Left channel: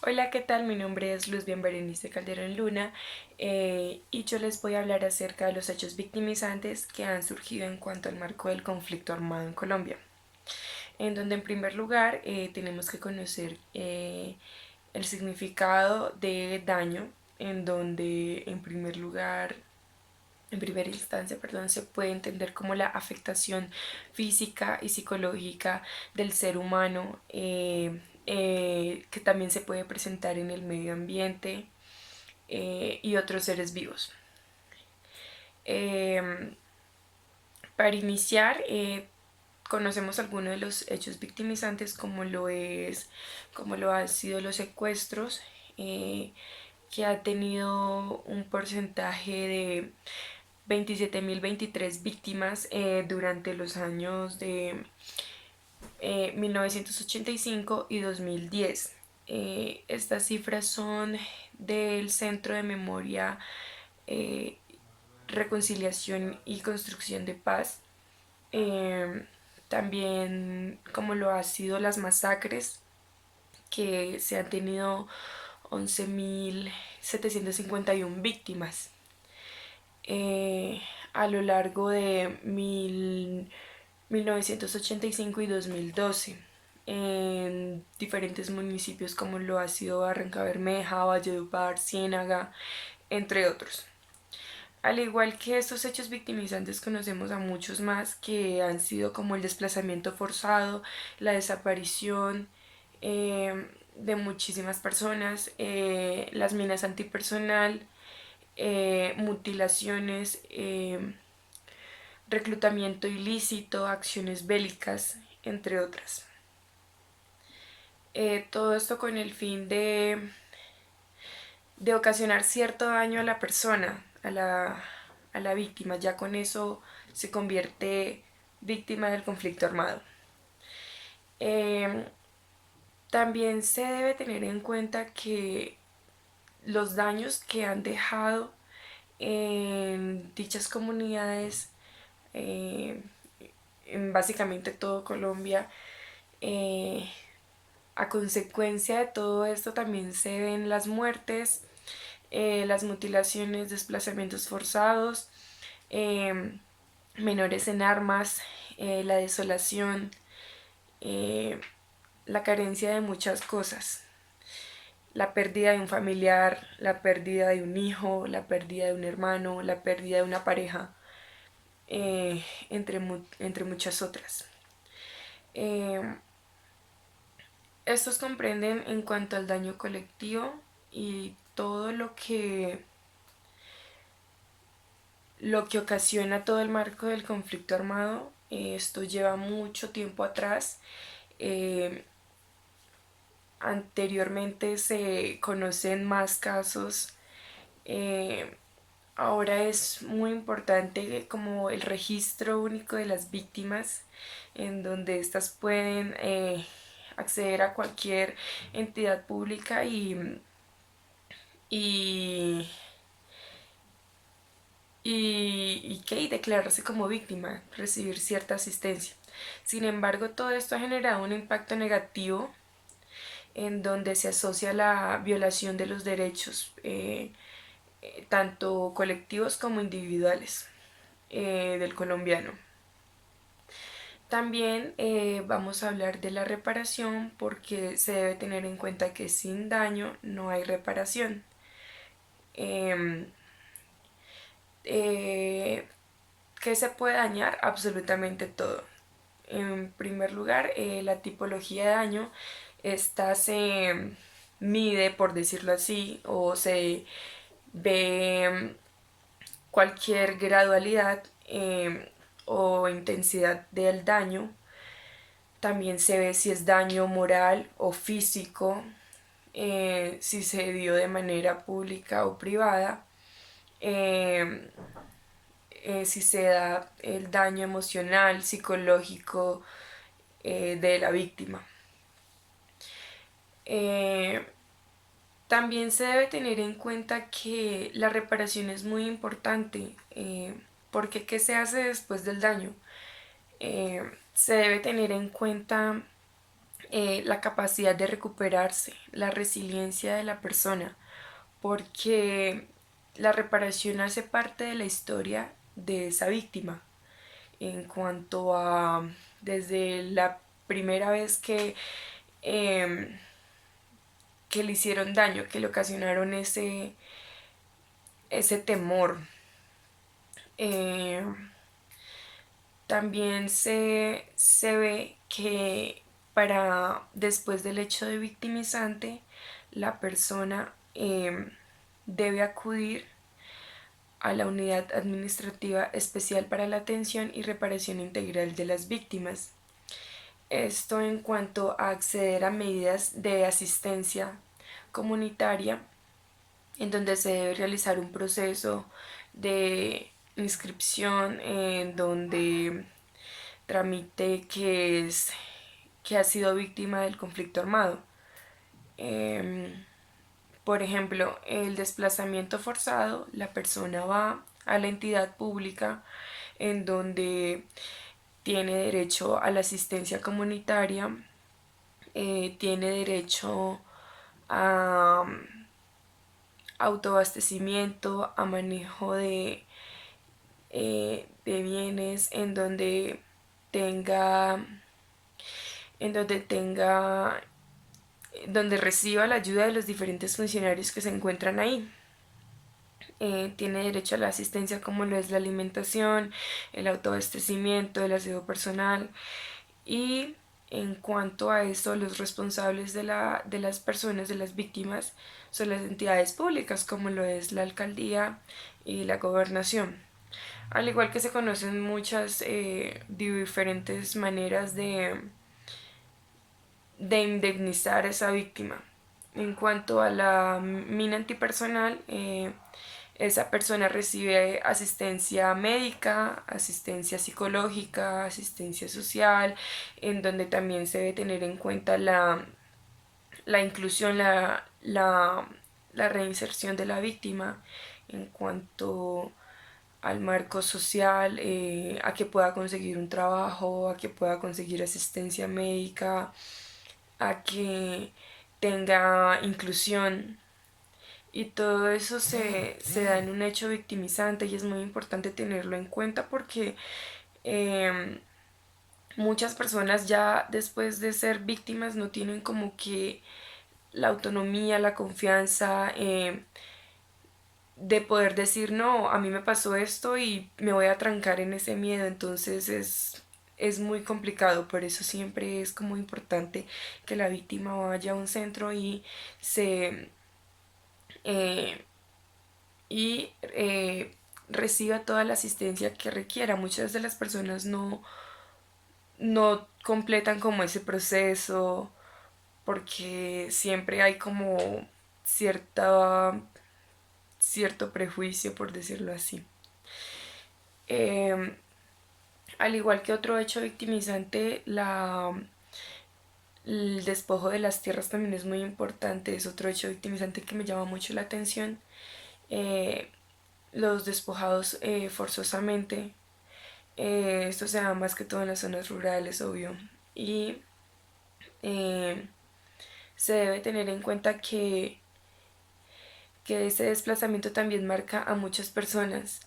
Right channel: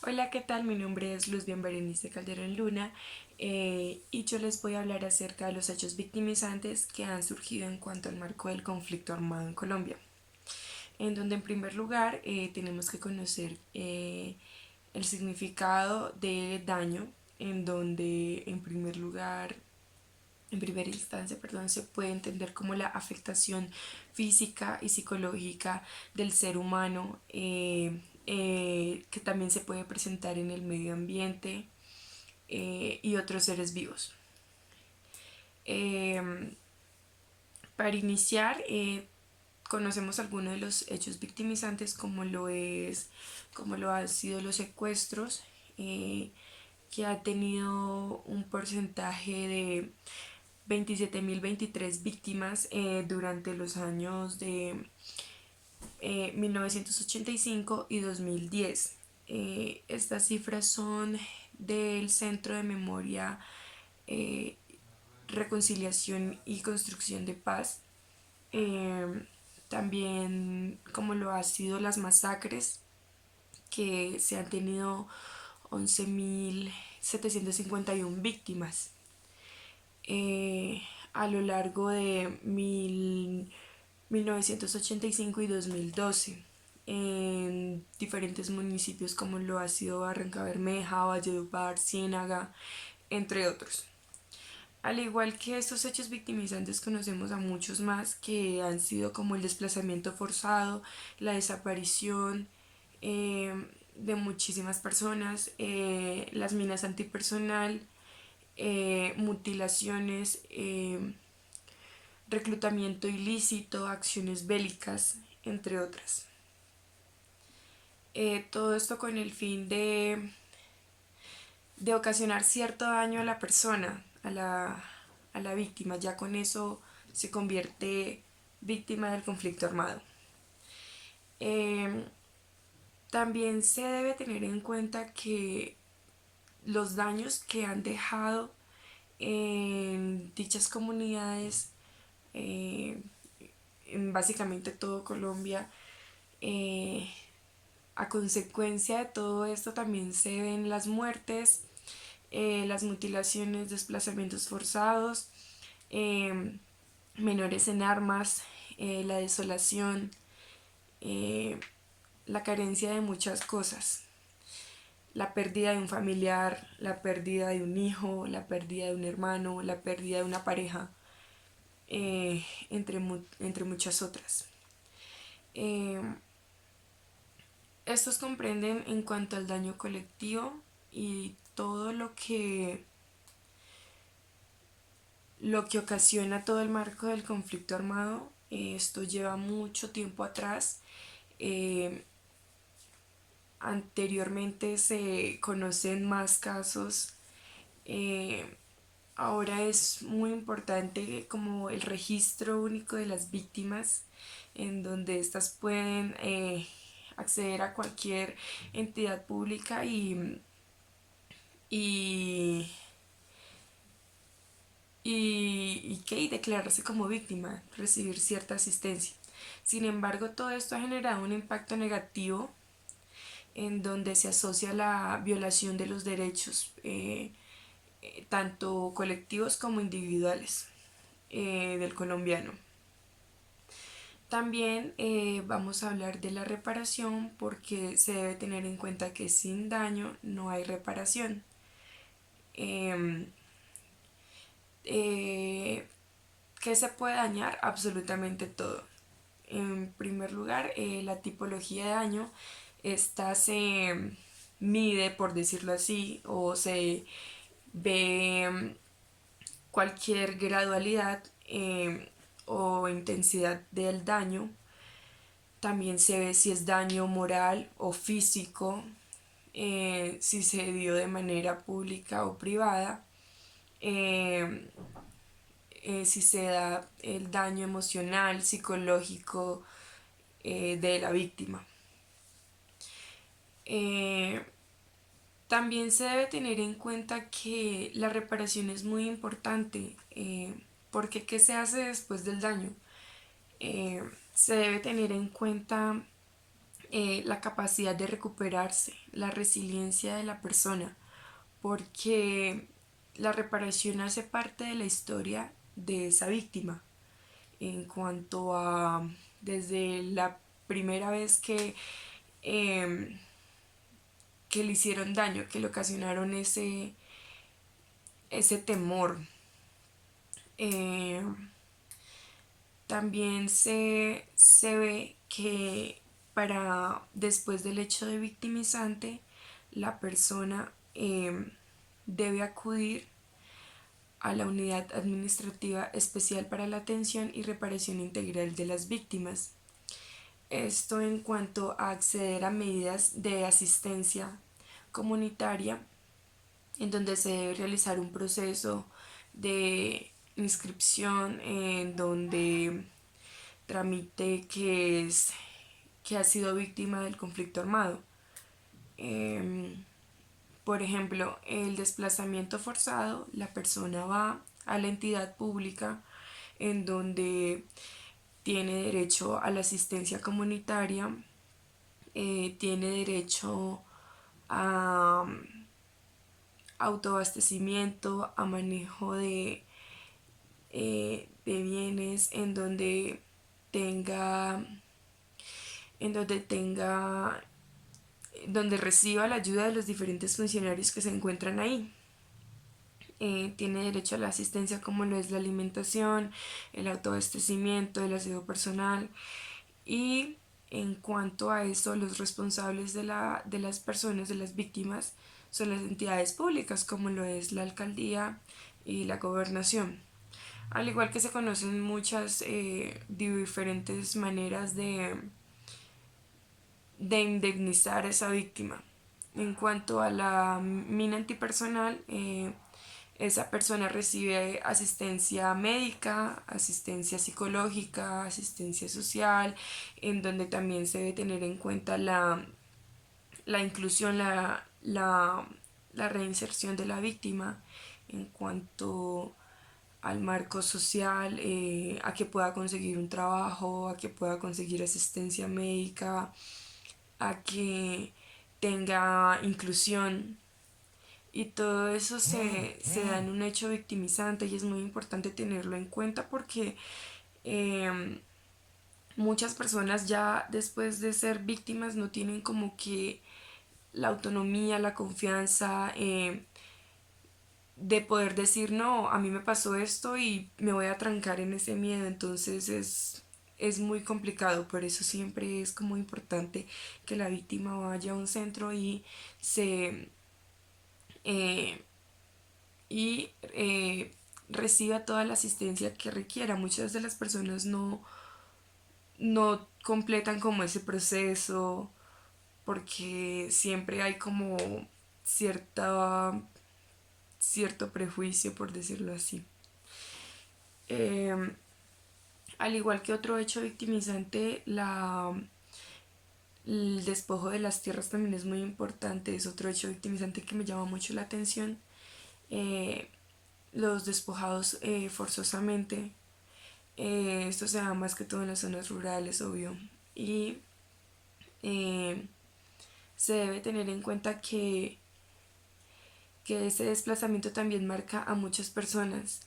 Hola, ¿qué tal? Mi nombre es Luz Berenice Calderón Luna y yo les voy a hablar acerca de los hechos victimizantes que han surgido en cuanto al marco del conflicto armado en Colombia. En donde en primer lugar tenemos que conocer el significado de daño, en donde en primera instancia, se puede entender como la afectación física y psicológica del ser humano, que también se puede presentar en el medio ambiente y otros seres vivos. Eh, para iniciar, conocemos algunos de los hechos victimizantes como lo han sido los secuestros, que ha tenido un porcentaje de 27.023 víctimas durante los años de 1985 y 2010. Estas cifras son del Centro de Memoria, eh, Reconciliación y Construcción de Paz. Eh, También como lo ha sido las masacres, que se han tenido 11.751 víctimas a lo largo de 1985 y 2012 en diferentes municipios como lo ha sido Barranca Bermeja, Valledupar, Ciénaga, entre otros. Al igual que estos hechos victimizantes, conocemos a muchos más que han sido como el desplazamiento forzado, la desaparición de muchísimas personas, las minas antipersonal, mutilaciones, reclutamiento ilícito, acciones bélicas, entre otras. Todo esto con el fin de ocasionar cierto daño a la persona, a la víctima. Ya con eso se convierte víctima del conflicto armado. Eh, También se debe tener en cuenta que los daños que han dejado en dichas comunidades, eh, en básicamente todo Colombia, eh, a consecuencia de todo esto también se ven las muertes, las mutilaciones, desplazamientos forzados, eh, menores en armas, la desolación, eh, la carencia de muchas cosas. La pérdida de un familiar, la pérdida de un hijo, la pérdida de un hermano, la pérdida de una pareja, entre muchas otras. Eh, Estos comprenden en cuanto al daño colectivo y todo lo que ocasiona todo el marco del conflicto armado. Esto lleva mucho tiempo atrás. Eh, Anteriormente se conocen más casos. Eh, Ahora es muy importante como el registro único de las víctimas, en donde éstas pueden acceder a cualquier entidad pública y, y declararse como víctima, recibir cierta asistencia. Sin embargo, todo esto ha generado un impacto negativo en donde se asocia la violación de los derechos, tanto colectivos como individuales, del colombiano. También vamos a hablar de la reparación porque se debe tener en cuenta que sin daño no hay reparación. Eh, eh, ¿Qué se puede dañar? Absolutamente todo. En primer lugar, la tipología de daño. Esta se mide, por decirlo así, o se ve cualquier gradualidad o intensidad del daño. También se ve si es daño moral o físico, si se dio de manera pública o privada, eh, si se da el daño emocional, psicológico, de la víctima. Eh, También se debe tener en cuenta que la reparación es muy importante, porque ¿qué se hace después del daño? Se debe tener en cuenta la capacidad de recuperarse, la resiliencia de la persona, porque la reparación hace parte de la historia de esa víctima en cuanto a desde la primera vez eh, que le hicieron daño, que le ocasionaron ese temor. Eh, También se ve que para después del hecho de victimizante, la persona debe acudir a la Unidad Administrativa Especial para la Atención y Reparación Integral de las Víctimas. Esto en cuanto a acceder a medidas de asistencia comunitaria en donde se debe realizar un proceso de inscripción en donde tramite que ha sido víctima del conflicto armado. Por ejemplo, el desplazamiento forzado, la persona va a la entidad pública en donde tiene derecho a la asistencia comunitaria, tiene derecho a autoabastecimiento, a manejo de bienes, tenga, en donde tenga, donde reciba la ayuda de los diferentes funcionarios que se encuentran ahí. Tiene derecho a la asistencia como lo es la alimentación, el autoabastecimiento, el aseo personal y en cuanto a eso los responsables de las personas, de las víctimas, son las entidades públicas como lo es la alcaldía y la gobernación. Al igual que se conocen muchas diferentes maneras de indemnizar a esa víctima. En cuanto a la mina antipersonal, esa persona recibe asistencia médica, asistencia psicológica, asistencia social, en donde también se debe tener en cuenta la inclusión, la reinserción de la víctima en cuanto al marco social, a que pueda conseguir un trabajo, a que pueda conseguir asistencia médica, a que tenga inclusión. Y todo eso se da en un hecho victimizante y es muy importante tenerlo en cuenta porque eh, muchas personas ya después de ser víctimas no tienen como que la autonomía, la confianza de poder decir no, a mí me pasó esto y me voy a trancar en ese miedo, entonces es muy complicado, por eso siempre es como importante que la víctima vaya a un centro se eh, y reciba toda la asistencia que requiera. Muchas de las personas no completan como ese proceso porque siempre hay como cierta, cierto prejuicio, por decirlo así. Eh, Al igual que otro hecho victimizante, el despojo de las tierras también es muy importante, es otro hecho victimizante que me llama mucho la atención. Eh, los despojados forzosamente, esto se da más que todo en las zonas rurales, obvio, y eh, se debe tener en cuenta que ese desplazamiento también marca a muchas personas.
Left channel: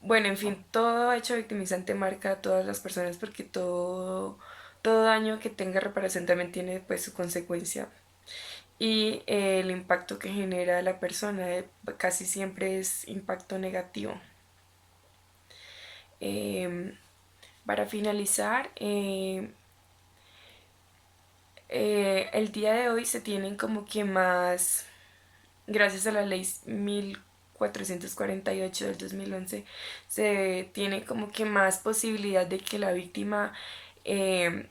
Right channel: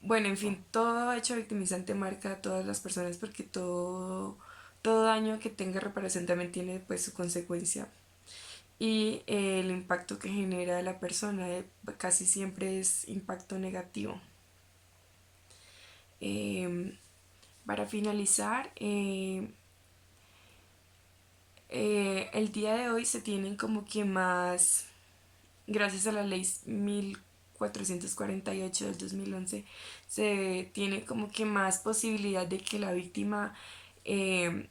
Bueno, en fin, todo hecho victimizante marca a todas las personas porque todo daño que tenga reparación también tiene pues su consecuencia y el impacto que genera a la persona casi siempre es impacto negativo. Eh, para finalizar, el día de hoy se tienen como que más, gracias a la ley 1448 del 2011 se tiene como que más posibilidad de que la víctima eh,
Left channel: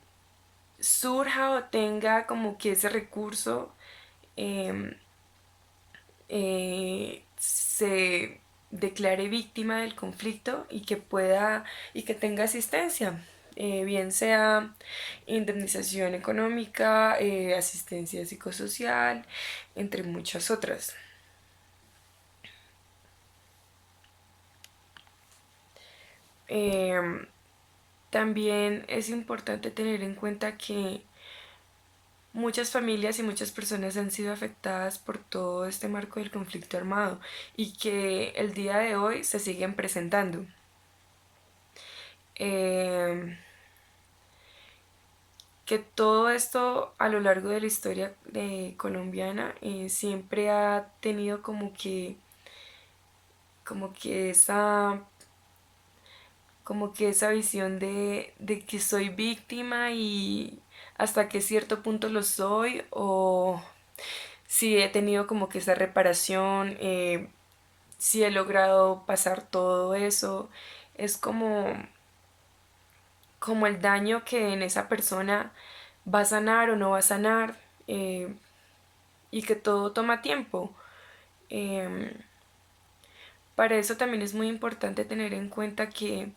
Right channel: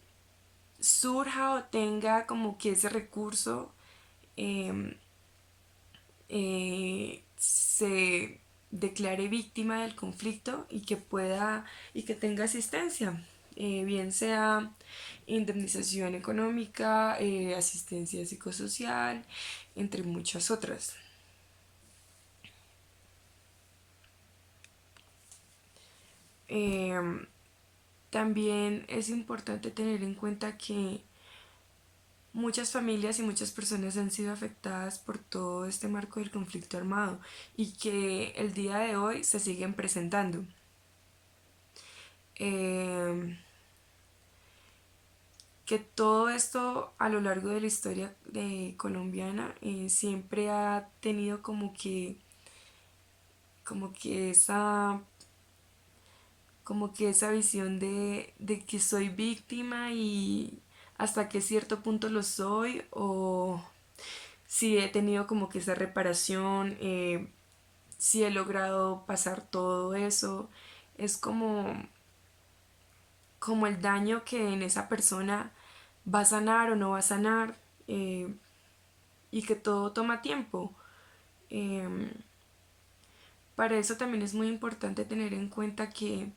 surja o tenga como que ese recurso eh, se declare víctima del conflicto y que tenga asistencia, bien sea indemnización económica, asistencia psicosocial, entre muchas otras. Eh, También es importante tener en cuenta que muchas familias y muchas personas han sido afectadas por todo este marco del conflicto armado y que el día de hoy se siguen presentando. Eh, que todo esto a lo largo de la historia colombiana siempre ha tenido como que esa visión de que soy víctima y hasta qué cierto punto lo soy, o si he tenido como que esa reparación, si he logrado pasar todo eso. Es como el daño que en esa persona va a sanar o no va a sanar, eh, y que todo toma tiempo. Em, para eso también es muy importante tener en cuenta que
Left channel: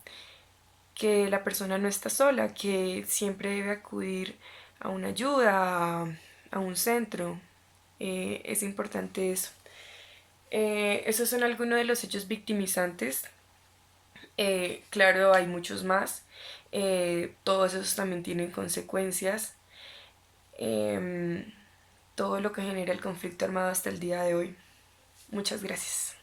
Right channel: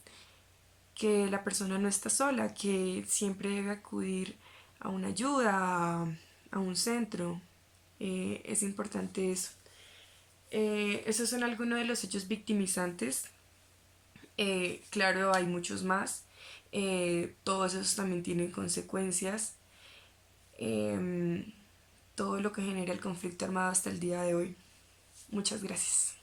la persona no está sola, que siempre debe acudir a una ayuda, a un centro. Es importante eso. Esos son algunos de los hechos victimizantes. Claro, hay muchos más. Todos esos también tienen consecuencias. Em, Todo lo que genera el conflicto armado hasta el día de hoy. Muchas gracias.